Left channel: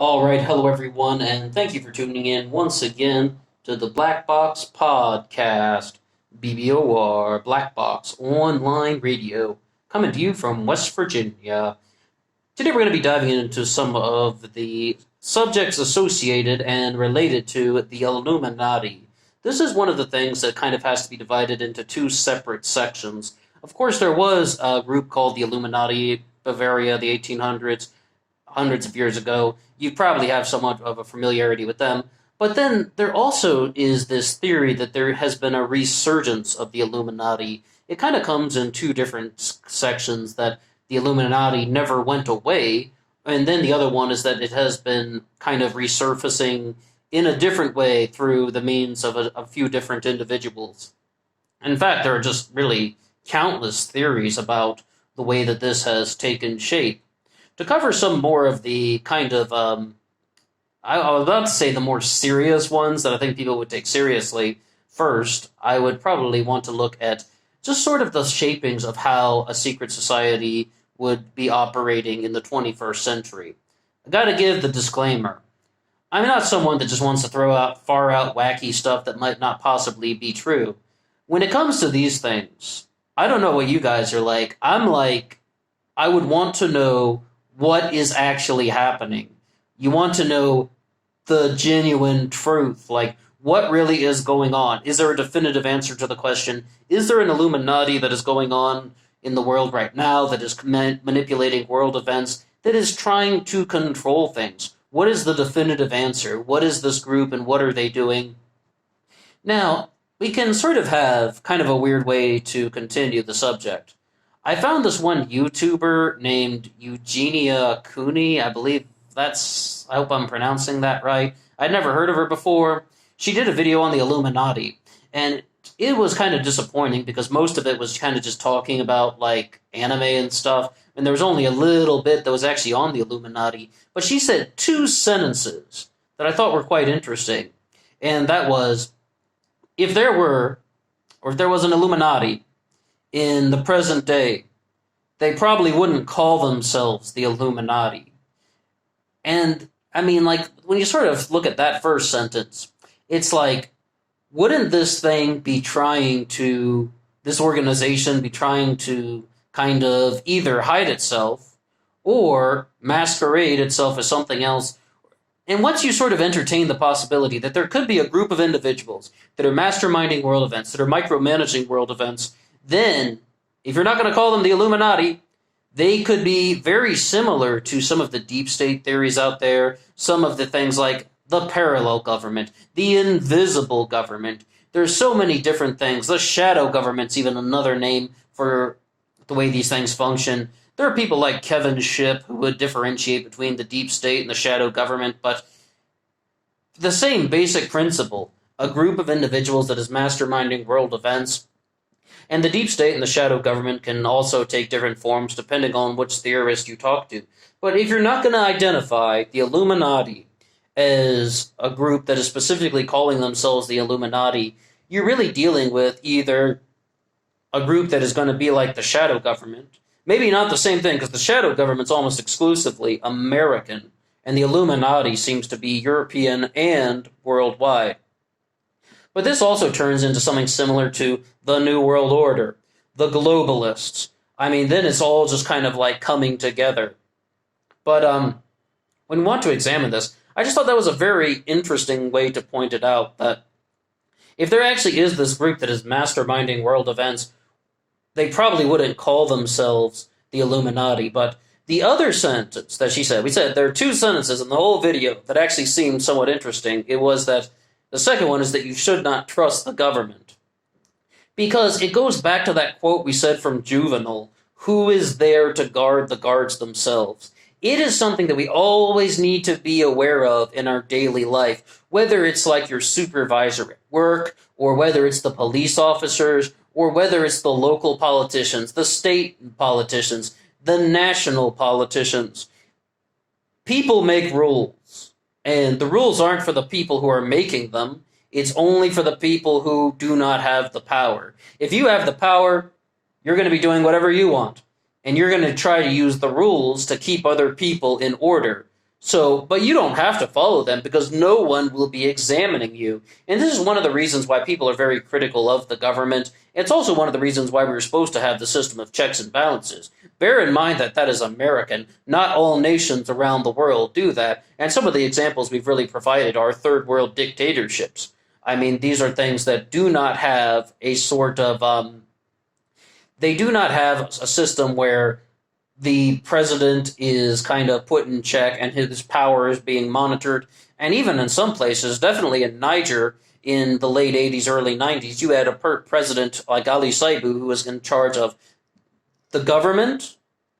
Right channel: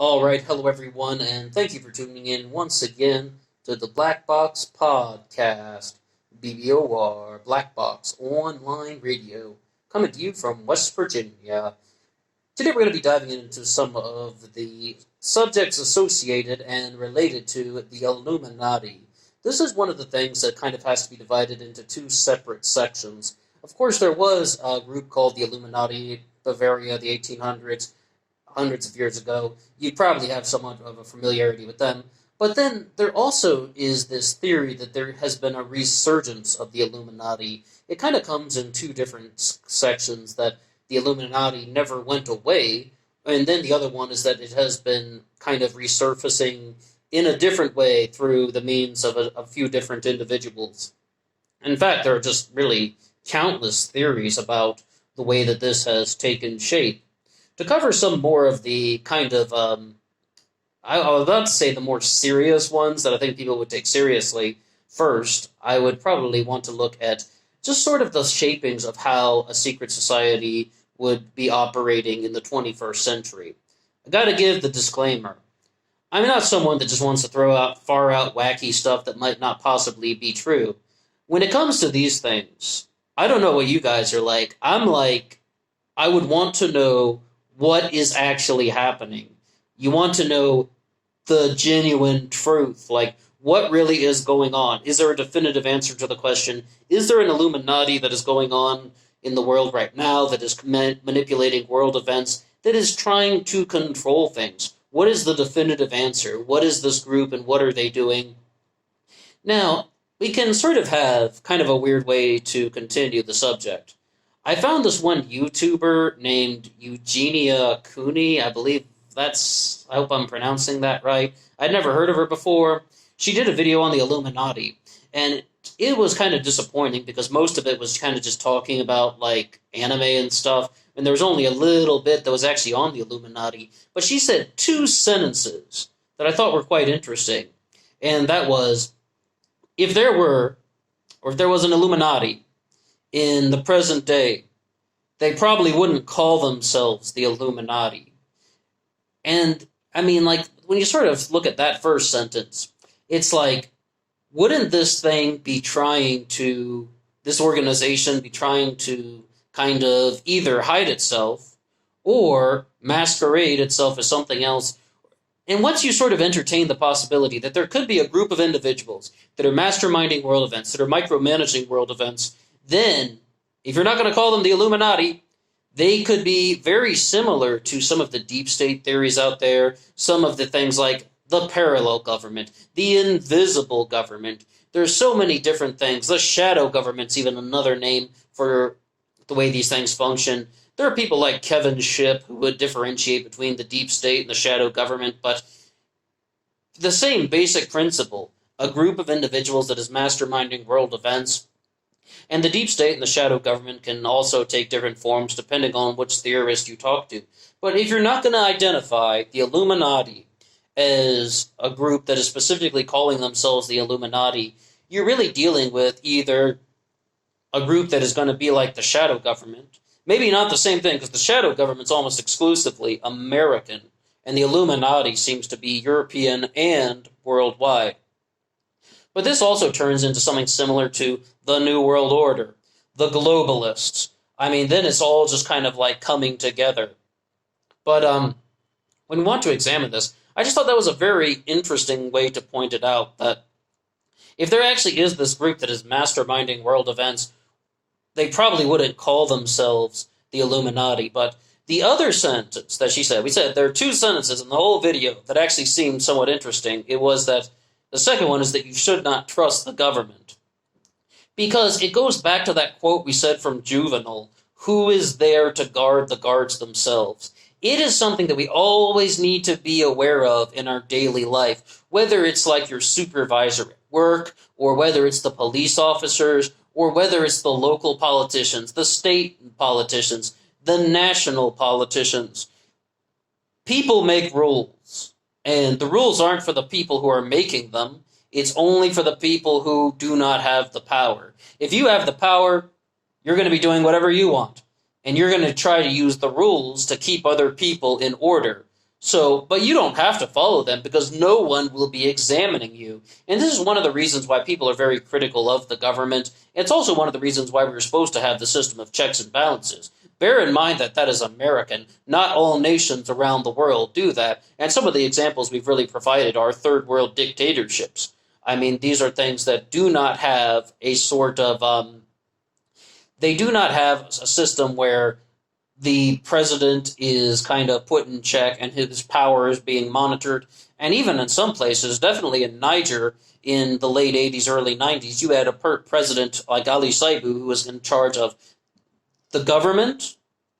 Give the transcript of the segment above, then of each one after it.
All right, hello everyone, and thank you for tuning in once again to the Black Box Podcast, BBOR Black Box Online Radio, coming to you from West Virginia. Today we're going to be diving into some of the subjects associated and related to the Illuminati. This is one of the things that kind of has to be divided into two separate sections. Of course, there was a group called the Illuminati, Bavaria, the 1800s, hundreds of years ago. You probably have somewhat of a familiarity with them. But then there also is this theory that there has been a resurgence of the Illuminati. It kind of comes in two different sections, that the Illuminati never went away, and then the other one is that it has been kind of resurfacing in a different way through the means of a few different individuals. In fact, there are just really countless theories about the way that this has taken shape. To cover some more of the kind of, I was about to say the more serious ones that I think people would take seriously first, I would probably want to look at just sort of the shapings of how a secret society would be operating in the 21st century. I gotta give the disclaimer. I'm not someone that just wants to throw out far out wacky stuff that might not possibly be true. When it comes to these things, I don't know what you guys are like. I'm like, I would want to know what is actually happening. You want to know the genuine truth, like what really is going on. Is there a definitive answer to the question? Is there an Illuminati that is going on in the world right now that is manipulating world events, that is trying to control things? What is the definitive answer? What is this group and what are they doing? Now, we can sort of have kind of a weird way to continue the subject. I found this one YouTuber named Eugenia Cooney. I believe I hope I'm pronouncing that right. I'd never heard of her before. She did a video on the Illuminati, and it was kind of disappointing because most of it was kind of just talking about like anime and stuff, and there was only a little bit that was actually on the Illuminati. But she said two sentences that I thought were quite interesting, and that was, if there were, or if there was an Illuminati in the present day, they probably wouldn't call themselves the Illuminati. And, I mean, like, when you sort of look at that first sentence, it's like, wouldn't this organization be trying to kind of either hide itself or masquerade itself as something else? And once you sort of entertain the possibility that there could be a group of individuals that are masterminding world events, that are micromanaging world events, then, if you're not going to call them the Illuminati, they could be very similar to some of the deep state theories out there, some of the things like the parallel government, the invisible government. There's so many different things. The shadow government's even another name for the way these things function. There are people like Kevin Shipp who would differentiate between the deep state and the shadow government, but the same basic principle, a group of individuals that is masterminding world events. And the deep state and the shadow government can also take different forms depending on which theorist you talk to. But if you're not going to identify the Illuminati as a group that is specifically calling themselves the Illuminati, you're really dealing with either a group that is going to be like the shadow government, maybe not the same thing, because the shadow government's almost exclusively American, and the Illuminati seems to be European and worldwide. But this also turns into something similar to the New World Order, the globalists. I mean, then it's all just kind of like coming together. But when we want to examine this, I just thought that was a very interesting way to point it out, that if there actually is this group that is masterminding world events, they probably wouldn't call themselves the Illuminati. But the other sentence that she said, we said there are two sentences in the whole video that actually seemed somewhat interesting. It was that the second one is that you should not trust the government. Because it goes back to that quote we said from Juvenal, who is there to guard the guards themselves? It is something that we always need to be aware of in our daily life, whether it's like your supervisor at work, or whether it's the police officers, or whether it's the local politicians, the state politicians, the national politicians. People make rules. And the rules aren't for the people who are making them. It's only for the people who do not have the power. If you have the power, you're going to be doing whatever you want. And you're going to try to use the rules to keep other people in order. So, but you don't have to follow them because no one will be examining you. And this is one of the reasons why people are very critical of the government. It's also one of the reasons why we're supposed to have the system of checks and balances. Bear in mind that that is American. Not all nations around the world do that. And some of the examples we've really provided are third world dictatorships. I mean, these are things that do not have a sort of, they do not have a system where the president is kind of put in check and his power is being monitored. And even in some places, definitely in Niger in the late 80s, early 90s, you had a president like Ali Saibu who was in charge of the government,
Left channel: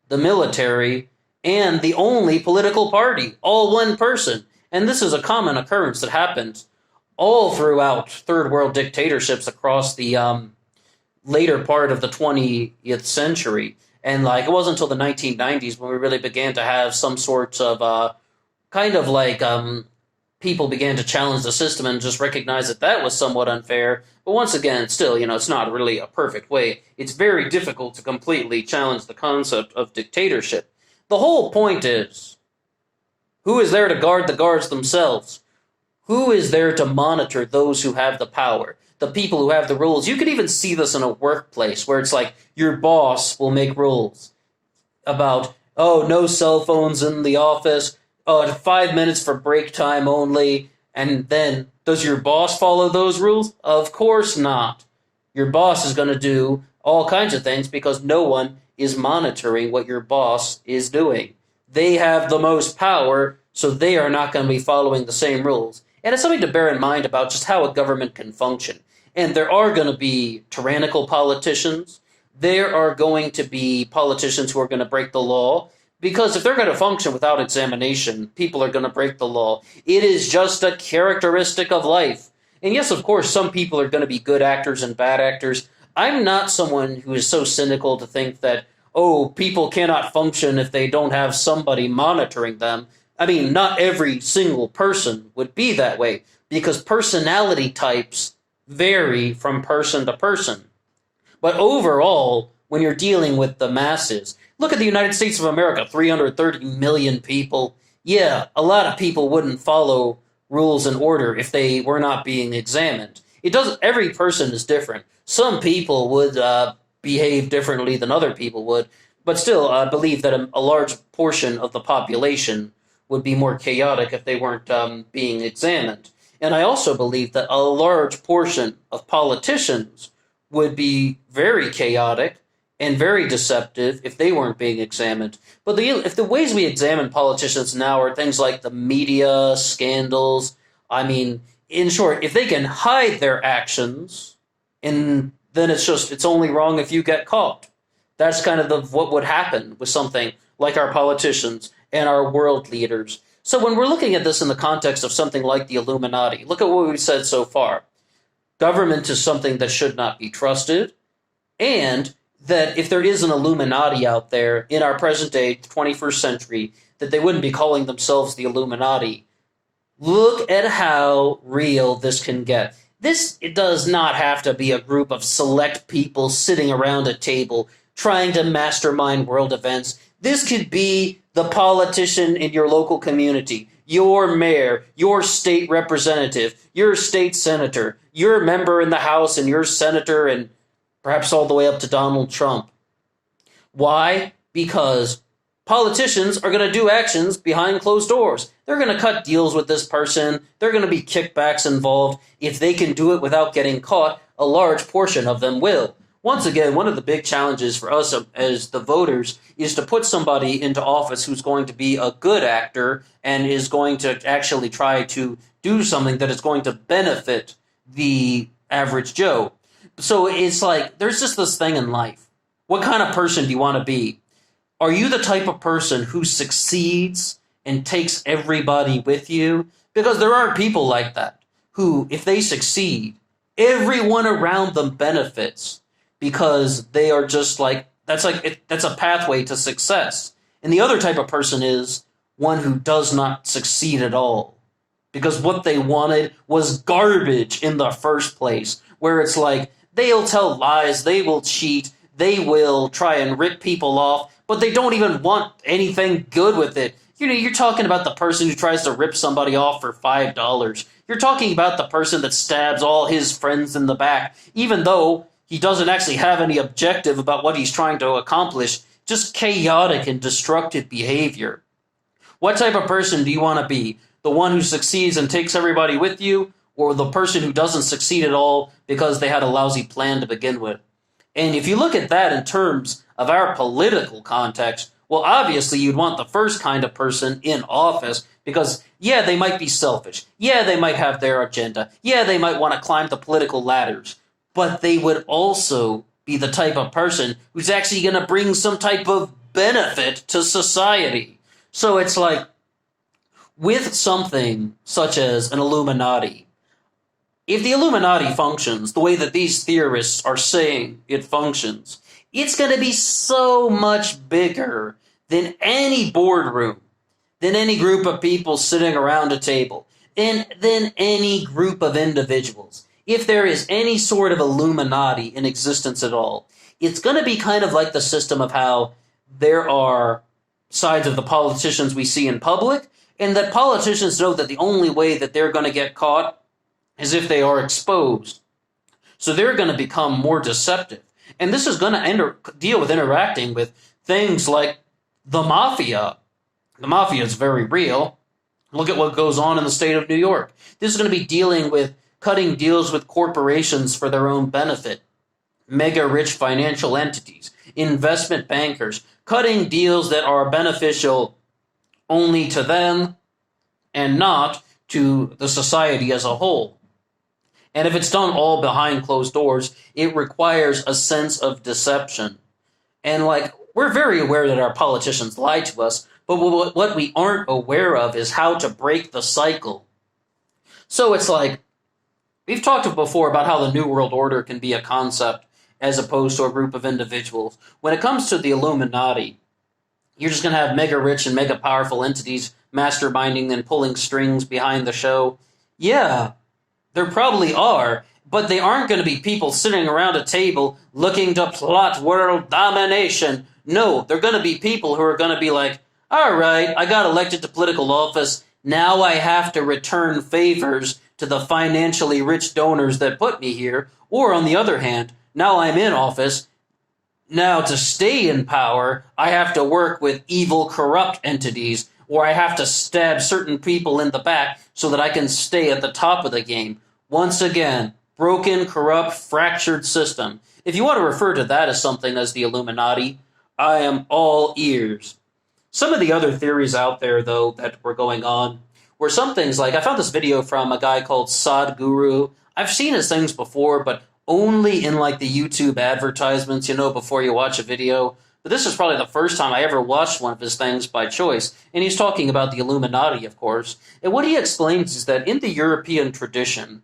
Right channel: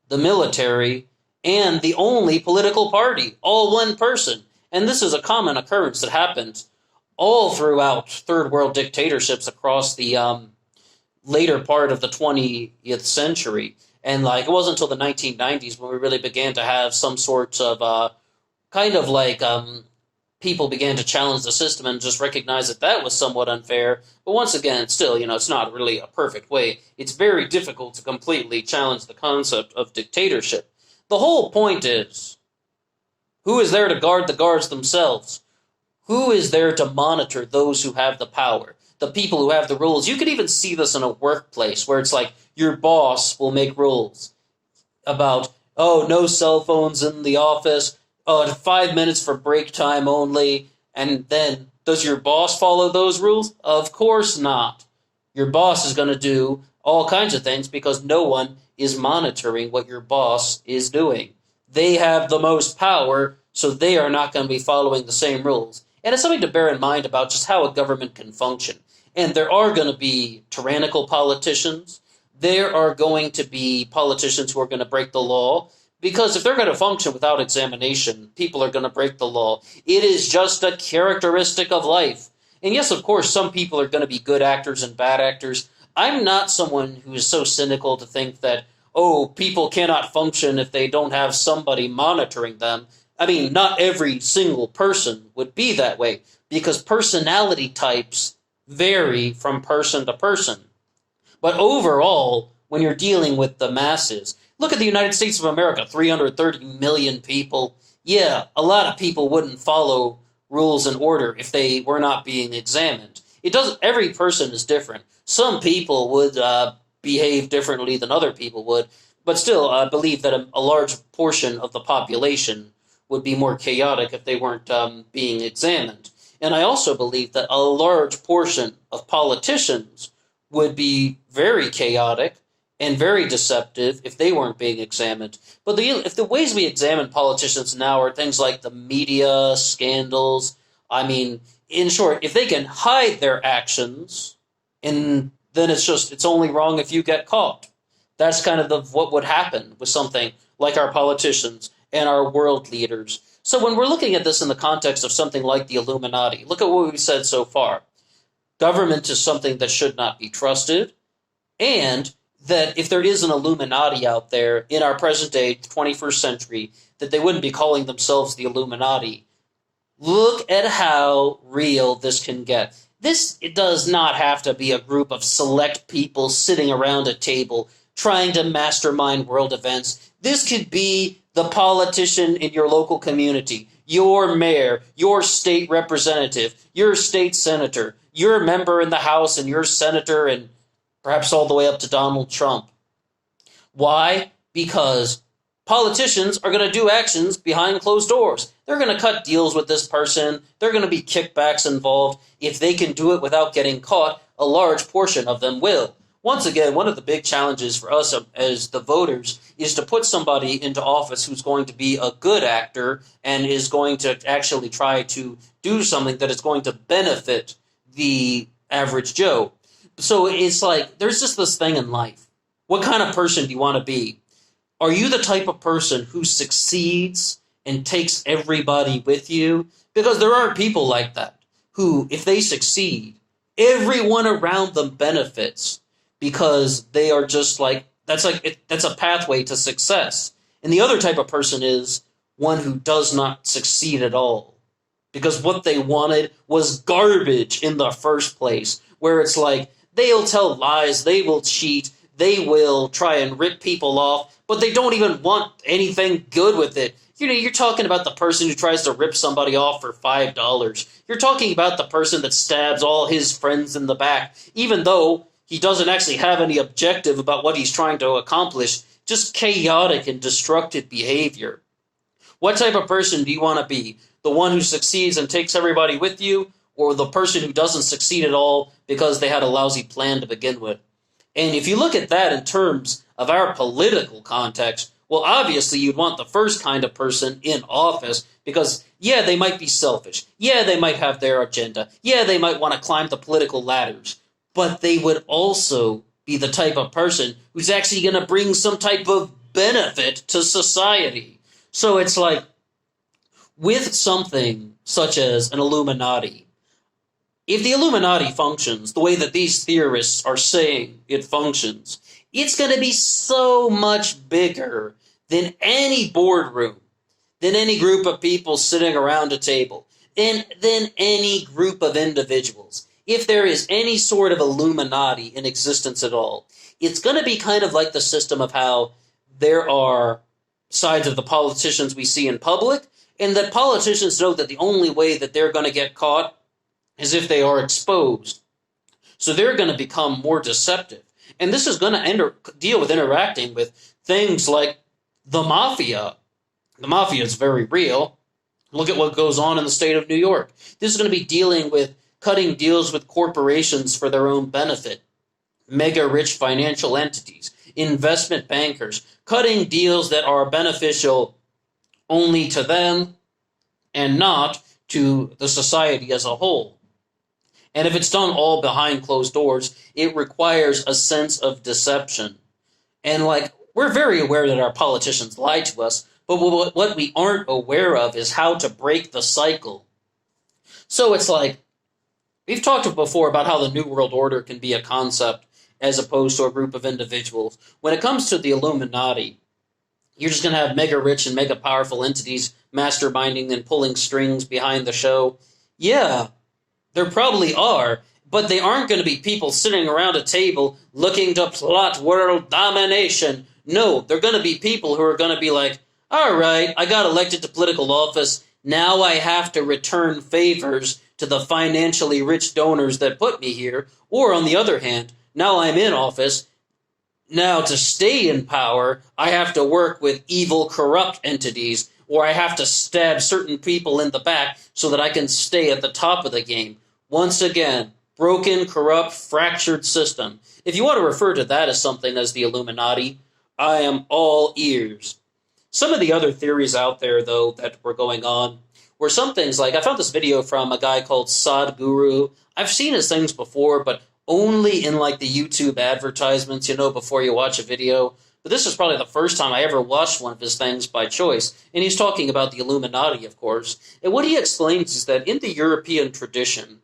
the military, and the only political party, all one person. And this is a common occurrence that happens all throughout third world dictatorships across the later part of the 20th century. And like it wasn't until the 1990s when we really began to have some sorts of kind of like people began to challenge the system and just recognize that that was somewhat unfair. But once again, still, it's not really a perfect way. It's very difficult to completely challenge the concept of dictatorship. The whole point is, who is there to guard the guards themselves? Who is there to monitor those who have the power? The people who have the rules. You could even see this in a workplace where it's like your boss will make rules about, oh, no cell phones in the office, 5 minutes for break time only. And then, does your boss follow those rules? Of course not. Your boss is going to do all kinds of things because no one is monitoring what your boss is doing. They have the most power, so they are not going to be following the same rules. And it's something to bear in mind about just how a government can function. And there are going to be tyrannical politicians. There are going to be politicians who are going to break the law. Because if they're going to function without examination, people are going to break the law. It is just a characteristic of life. And yes, of course, some people are going to be good actors and bad actors. I'm not someone who is so cynical to think that, oh, people cannot function if they don't have somebody monitoring them. I mean, not every single person would be that way, because personality types vary from person to person. But overall, when you're dealing with the masses, look at the United States of America, 330 million people. Yeah, a lot of people wouldn't follow rules and order if they were not being examined. Every person is different. Some people would behave differently than other people would, but still, I believe that a large portion of the population would be more chaotic if they weren't being examined. And I also believe that a large portion of politicians would be very chaotic and very deceptive if they weren't being examined. But if the ways we examine politicians now are things like the media, scandals, I mean, in short, if they can hide their actions, and then it's only wrong if you get caught. That's kind of what would happen with something like our politicians and our world leaders. So when we're looking at this in the context of something like the Illuminati, look at what we've said so far. Government is something that should not be trusted, and that if there is an Illuminati out there in our present day, 21st century, that they wouldn't be calling themselves the Illuminati. Look at how real this can get. It does not have to be a group of select people sitting around a table trying to mastermind world events. This could be the politician in your local community, your mayor, your state representative, your state senator, your member in the House, and your senator, and perhaps all the way up to Donald Trump. Why? Because politicians are going to do actions behind closed doors. They're going to cut deals with this person. There are going to be kickbacks involved. If they can do it without getting caught, a large portion of them will. Once again, one of the big challenges for us as the voters is to put somebody into office who's going to be a good actor and is going to actually try to do something that is going to benefit the average Joe. So it's like, there's just this thing in life. What kind of person do you want to be? Are you the type of person who succeeds and takes everybody with you? Because there are people like that who, if they succeed, everyone around them benefits because they are just that's a pathway to success. And the other type of person is one who does not succeed at all because what they wanted was garbage in the first place, where it's like, they'll tell lies, they will cheat, they will try and rip people off, but they don't even want anything good with it. You're talking about the person who tries to rip somebody off for $5. You're talking about the person that stabs all his friends in the back, even though he doesn't actually have any objective about what he's trying to accomplish, just chaotic and destructive behavior. What type of person do you want to be? The one who succeeds and takes everybody with you, or the person who doesn't succeed at all because they had a lousy plan to begin with? And if you look at that in terms of our political context, well, obviously you'd want the first kind of person in office because, yeah, they might be selfish. Yeah, they might have their agenda. Yeah, they might want to climb the political ladders. But they would also be the type of person who's actually going to bring some type of benefit to society. So it's like, with something such as an Illuminati, if the Illuminati functions the way that these theorists are saying it functions, it's going to be so much bigger than any boardroom, than any group of people sitting around a table, and than any group of individuals. If there is any sort of Illuminati in existence at all, it's going to be kind of like the system of how there are sides of the politicians we see in public, and that politicians know that the only way that they're going to get caught is if they are exposed. So they're going to become more deceptive. And this is going to deal with interacting with things like the mafia. The mafia is very real. Look at what goes on in the state of New York. This is going to be dealing with cutting deals with corporations for their own benefit, mega-rich financial entities, investment bankers, cutting deals that are beneficial only to them and not to the society as a whole. And if it's done all behind closed doors, it requires a sense of deception. And we're very aware that our politicians lie to us, but what we aren't aware of is how to break the cycle. So it's like, we've talked before about how the New World Order can be a concept as opposed to a group of individuals. When it comes to the Illuminati, you're just going to have mega-rich and mega-powerful entities masterminding and pulling strings behind the show. Yeah, there probably are, but they aren't going to be people sitting around a table looking to plot world domination. No, they're going to be people who are going to be like, all right, I got elected to political office. Now I have to return favors to the financially rich donors that put me here. Or on the other hand, now I'm in office. Now to stay in power, I have to work with evil, corrupt entities, or I have to stab certain people in the back so that I can stay at the top of the game. Once again, broken, corrupt, fractured system. If you want to refer to that as something as the Illuminati, I am all ears. Some of the other theories out there, though, that were going on were some things like, I found this video from a guy called Sadhguru. I've seen his things before, but only in the YouTube advertisements, before you watch a video. But this is probably the first time I ever watched one of his things by choice. And he's talking about the Illuminati, of course. And what he explains is that in the European tradition,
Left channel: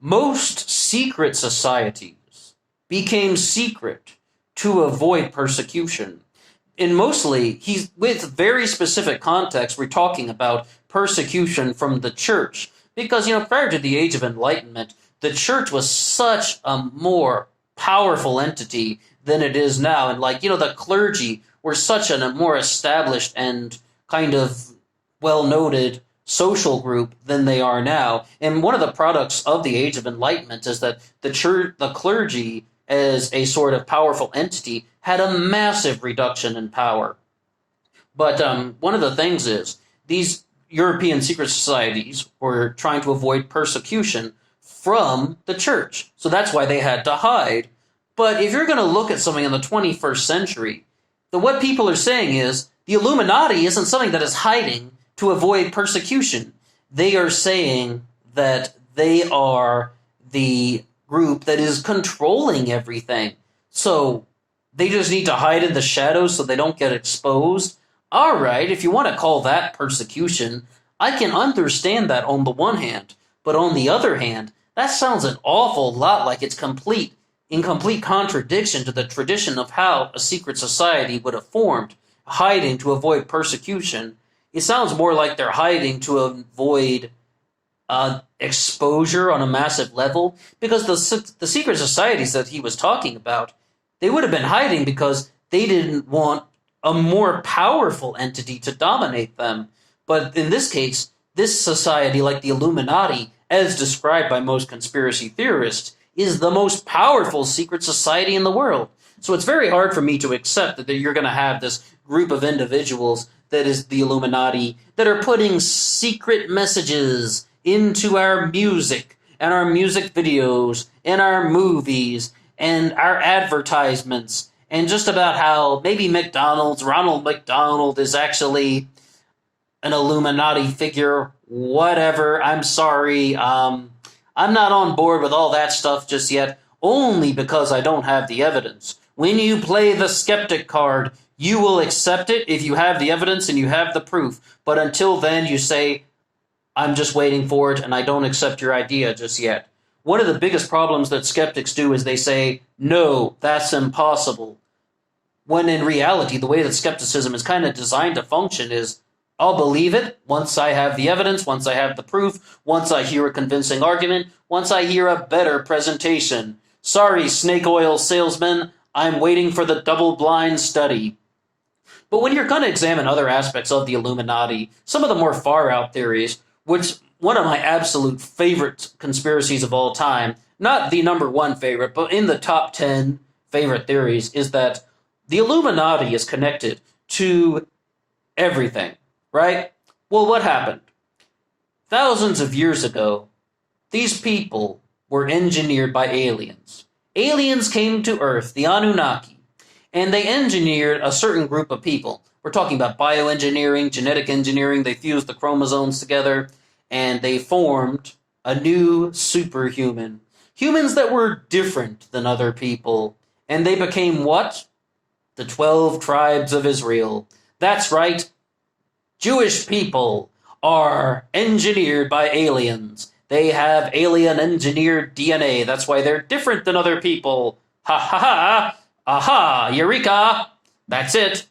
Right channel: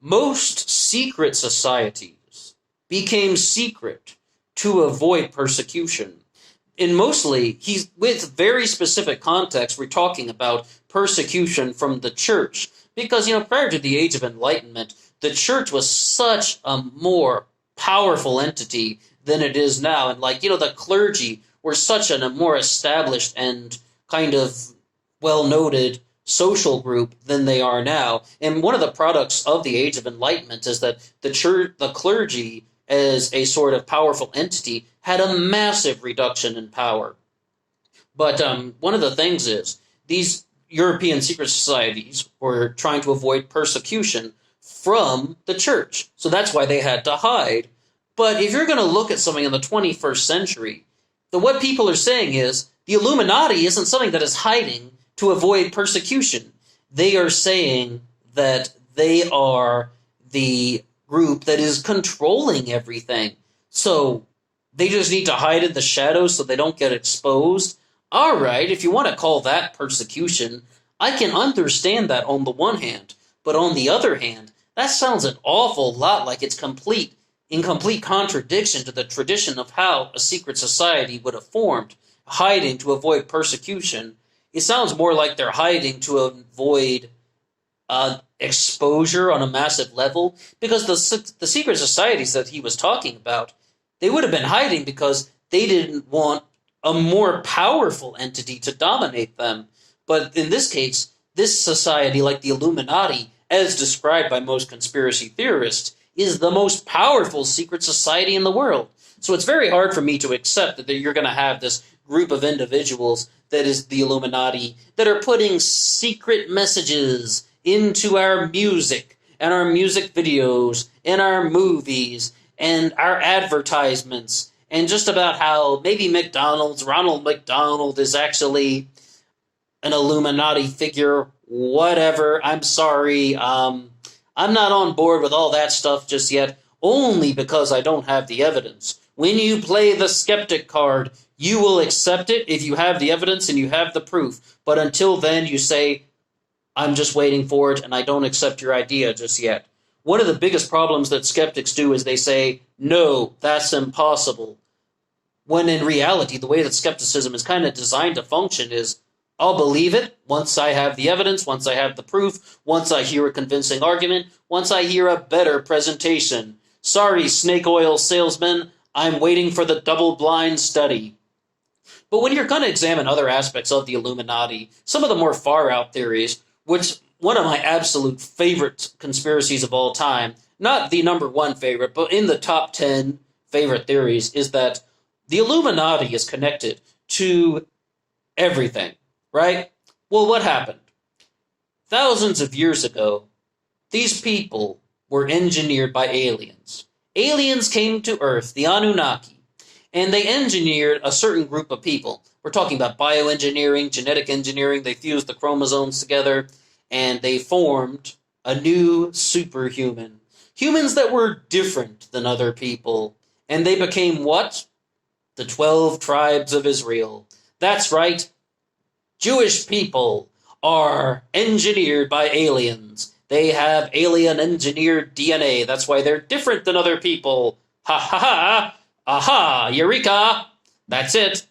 most secret societies became secret to avoid persecution. And mostly, with very specific context, we're talking about persecution from the church. Because, prior to the Age of Enlightenment, the church was such a more powerful entity than it is now. And the clergy were such a more established and kind of well-noted social group than they are now. And one of the products of the Age of Enlightenment is that the clergy, as a sort of powerful entity, had a massive reduction in power. But one of the things is, these European secret societies were trying to avoid persecution from the church. So that's why they had to hide. But if you're going to look at something in the 21st century, what people are saying is, the Illuminati isn't something that is hiding to avoid persecution. They are saying that they are the group that is controlling everything. So they just need to hide in the shadows so they don't get exposed. All right, if you want to call that persecution, I can understand that on the one hand. But on the other hand, that sounds an awful lot like it's in complete contradiction to the tradition of how a secret society would have formed, hiding to avoid persecution. It sounds more like they're hiding to avoid exposure on a massive level, because the secret societies that he was talking about, they would have been hiding because they didn't want a more powerful entity to dominate them. But in this case, this society, like the Illuminati, as described by most conspiracy theorists, is the most powerful secret society in the world. So it's very hard for me to accept that you're going to have this group of individuals that is the Illuminati that are putting secret messages into our music and our music videos and our movies and our advertisements, and just about how maybe Ronald McDonald is actually an Illuminati figure, whatever. I'm sorry. I'm not on board with all that stuff just yet, only because I don't have the evidence. When you play the skeptic card, you will accept it if you have the evidence and you have the proof. But until then, you say, I'm just waiting for it and I don't accept your idea just yet. One of the biggest problems that skeptics do is they say, no, that's impossible. When in reality, the way that skepticism is kind of designed to function is, I'll believe it once I have the evidence, once I have the proof, once I hear a convincing argument, once I hear a better presentation. Sorry, snake oil salesman, I'm waiting for the double-blind study. But when you're going to examine other aspects of the Illuminati, some of the more far-out theories, which one of my absolute favorite conspiracies of all time, not the number one favorite, but in the top 10 favorite theories, is that the Illuminati is connected to everything, right? Well, what happened? Thousands of years ago, these people were engineered by aliens. Aliens came to Earth, the Anunnaki, and they engineered a certain group of people. We're talking about bioengineering, genetic engineering. They fused the chromosomes together, and they formed a new superhuman. Humans that were different than other people. And they became what? The 12 tribes of Israel. That's right. Jewish people are engineered by aliens. They have alien-engineered DNA. That's why they're different than other people. Ha ha ha! Aha! Eureka! That's it.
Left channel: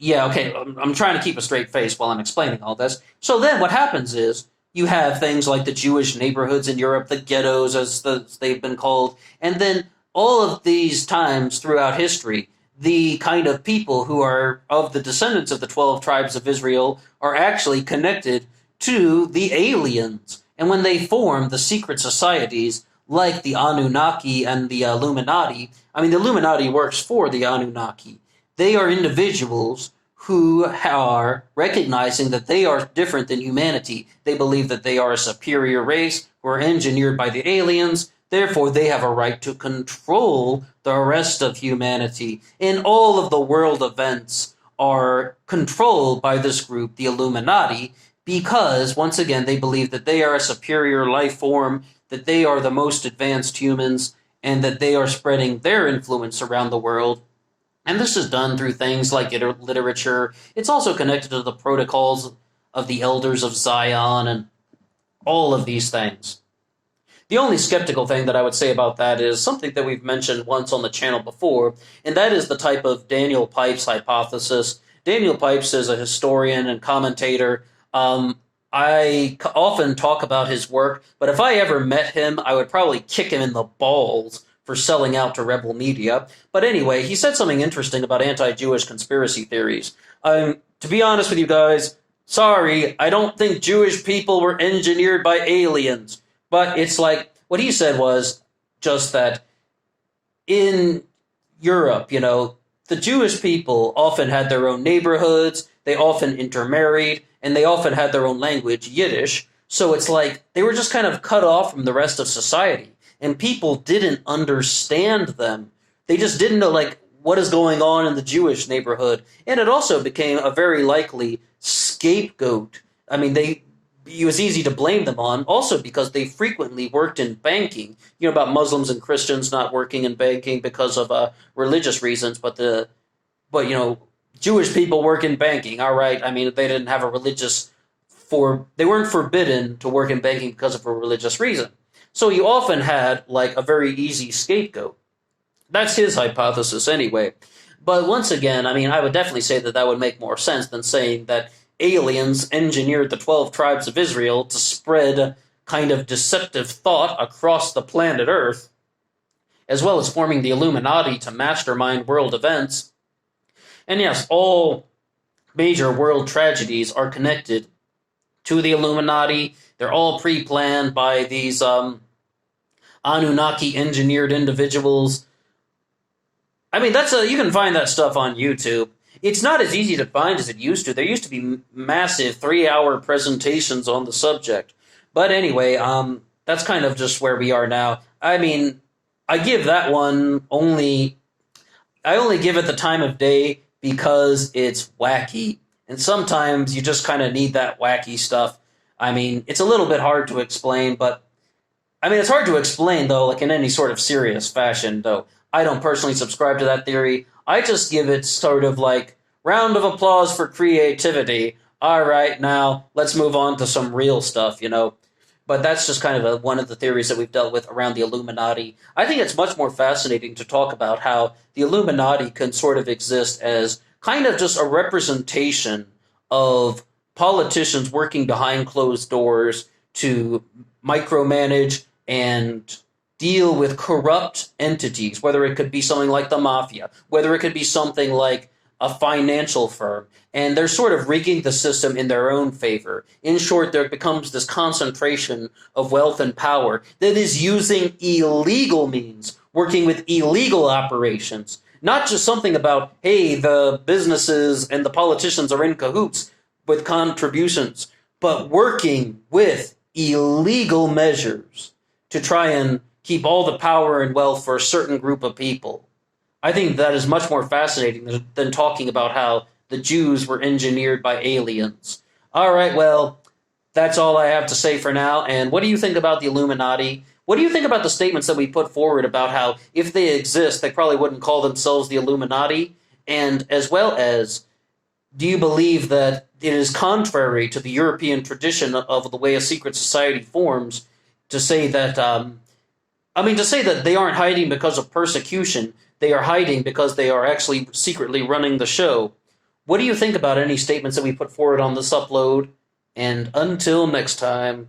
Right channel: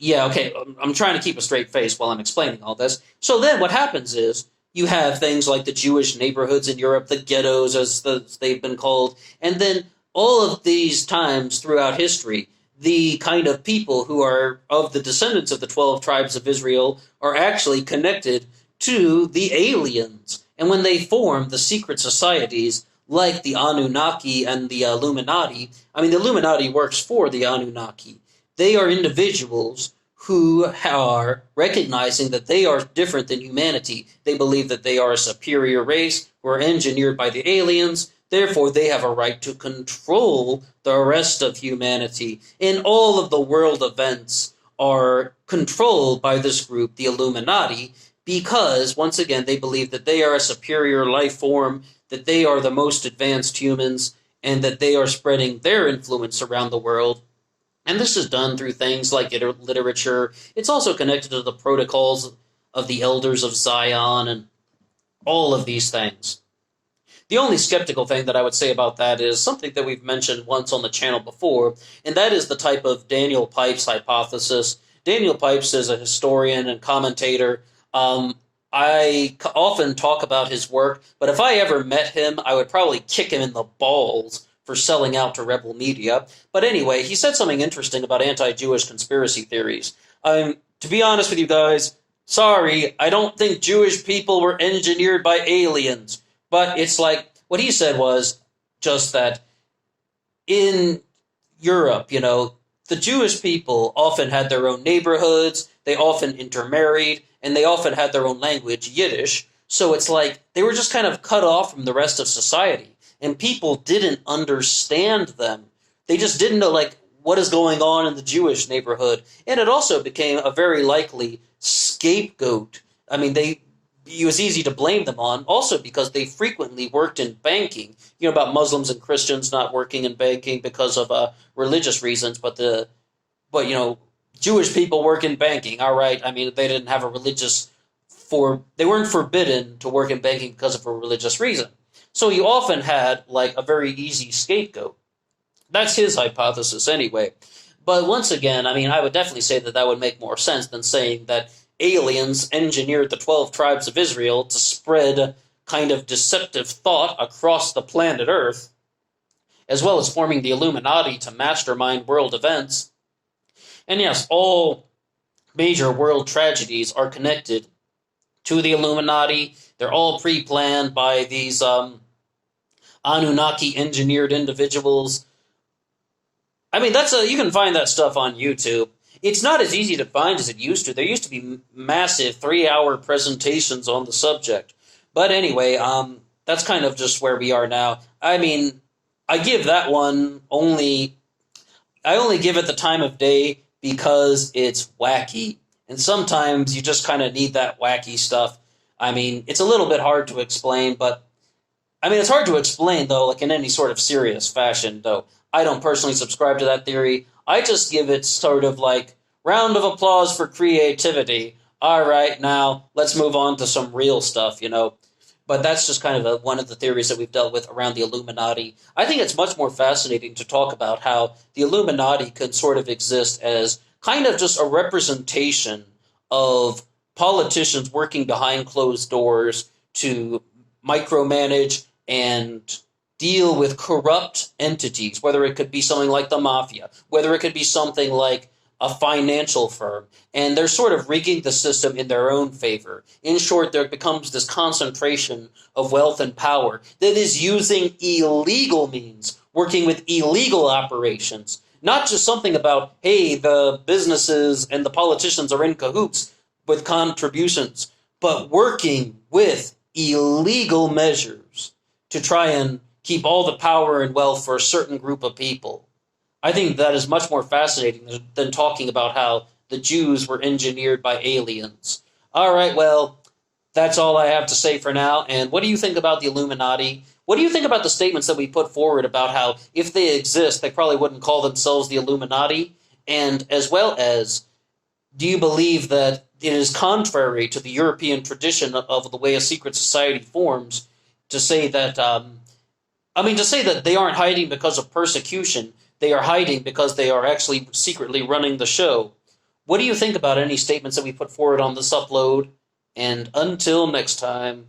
Yeah, okay, I'm trying to keep a straight face while I'm explaining all this. So then what happens is you have things like the Jewish neighborhoods in Europe, the ghettos as they've been called, and then all of these times throughout history, the kind of people who are of the descendants of the 12 tribes of Israel are actually connected to the aliens. And when they form the secret societies like the Anunnaki and the Illuminati, I mean, the Illuminati works for the Anunnaki. They are individuals who are recognizing that they are different than humanity. They believe that they are a superior race who are engineered by the aliens. Therefore, they have a right to control the rest of humanity. And all of the world events are controlled by this group, the Illuminati, because, once again, they believe that they are a superior life form, that they are the most advanced humans, and that they are spreading their influence around the world. And this is done through things like literature. It's also connected to the protocols of the elders of Zion and all of these things. The only skeptical thing that I would say about that is something that we've mentioned once on the channel before, and that is the type of Daniel Pipes hypothesis. Daniel Pipes is a historian and commentator. I often talk about his work, but if I ever met him, I would probably kick him in the balls for selling out to rebel media. But anyway, he said something interesting about anti-Jewish conspiracy theories. To be honest with you guys, sorry, I don't think Jewish people were engineered by aliens. But it's like, what he said was just that in Europe, the Jewish people often had their own neighborhoods, they often intermarried, and they often had their own language, Yiddish. So it's like they were just kind of cut off from the rest of society. And people didn't understand them. They just didn't know, what is going on in the Jewish neighborhood. And it also became a very likely scapegoat. I mean, it was easy to blame them on, also because they frequently worked in banking. About Muslims and Christians not working in banking because of religious reasons, but Jewish people work in banking. All right, I mean, they didn't have they weren't forbidden to work in banking because of a religious reason. So you often had, a very easy scapegoat. That's his hypothesis anyway. But once again, I mean, I would definitely say that would make more sense than saying that aliens engineered the 12 tribes of Israel to spread kind of deceptive thought across the planet Earth, as well as forming the Illuminati to mastermind world events. And yes, all major world tragedies are connected to the Illuminati. They're all pre-planned by these Anunnaki engineered individuals. I mean, you can find that stuff on YouTube. It's not as easy to find as it used to. There used to be massive 3-hour presentations on the subject. But anyway, that's kind of just where we are now. I mean, I give that one I only give it the time of day because it's wacky. And sometimes you just kind of need that wacky stuff. I mean, it's a little bit hard to explain, but I mean, it's hard to explain, though, like in any sort of serious fashion, though. I don't personally subscribe to that theory. I just give it sort of like round of applause for creativity. All right, now let's move on to some real stuff, you know. But that's just kind of one of the theories that we've dealt with around the Illuminati. I think it's much more fascinating to talk about how the Illuminati can sort of exist as kind of just a representation of politicians working behind closed doors to micromanage and deal with corrupt entities, whether it could be something like the mafia, whether it could be something like a financial firm, and they're sort of rigging the system in their own favor. In short, there becomes this concentration of wealth and power that is using illegal means, working with illegal operations, not just something about, hey, the businesses and the politicians are in cahoots with contributions, but working with illegal measures to try and keep all the power and wealth for a certain group of people. I think that is much more fascinating than talking about how the Jews were engineered by aliens. All right, well, that's all I have to say for now. And what do you think about the Illuminati? What do you think about the statements that we put forward about how if they exist, they probably wouldn't call themselves the Illuminati? And as well as, do you believe that it is contrary to the European tradition of the way a secret society forms to say that, to say that they aren't hiding because of persecution, they are hiding because they are actually secretly running the show? What do you think about any statements that we put forward on this upload? And until next time.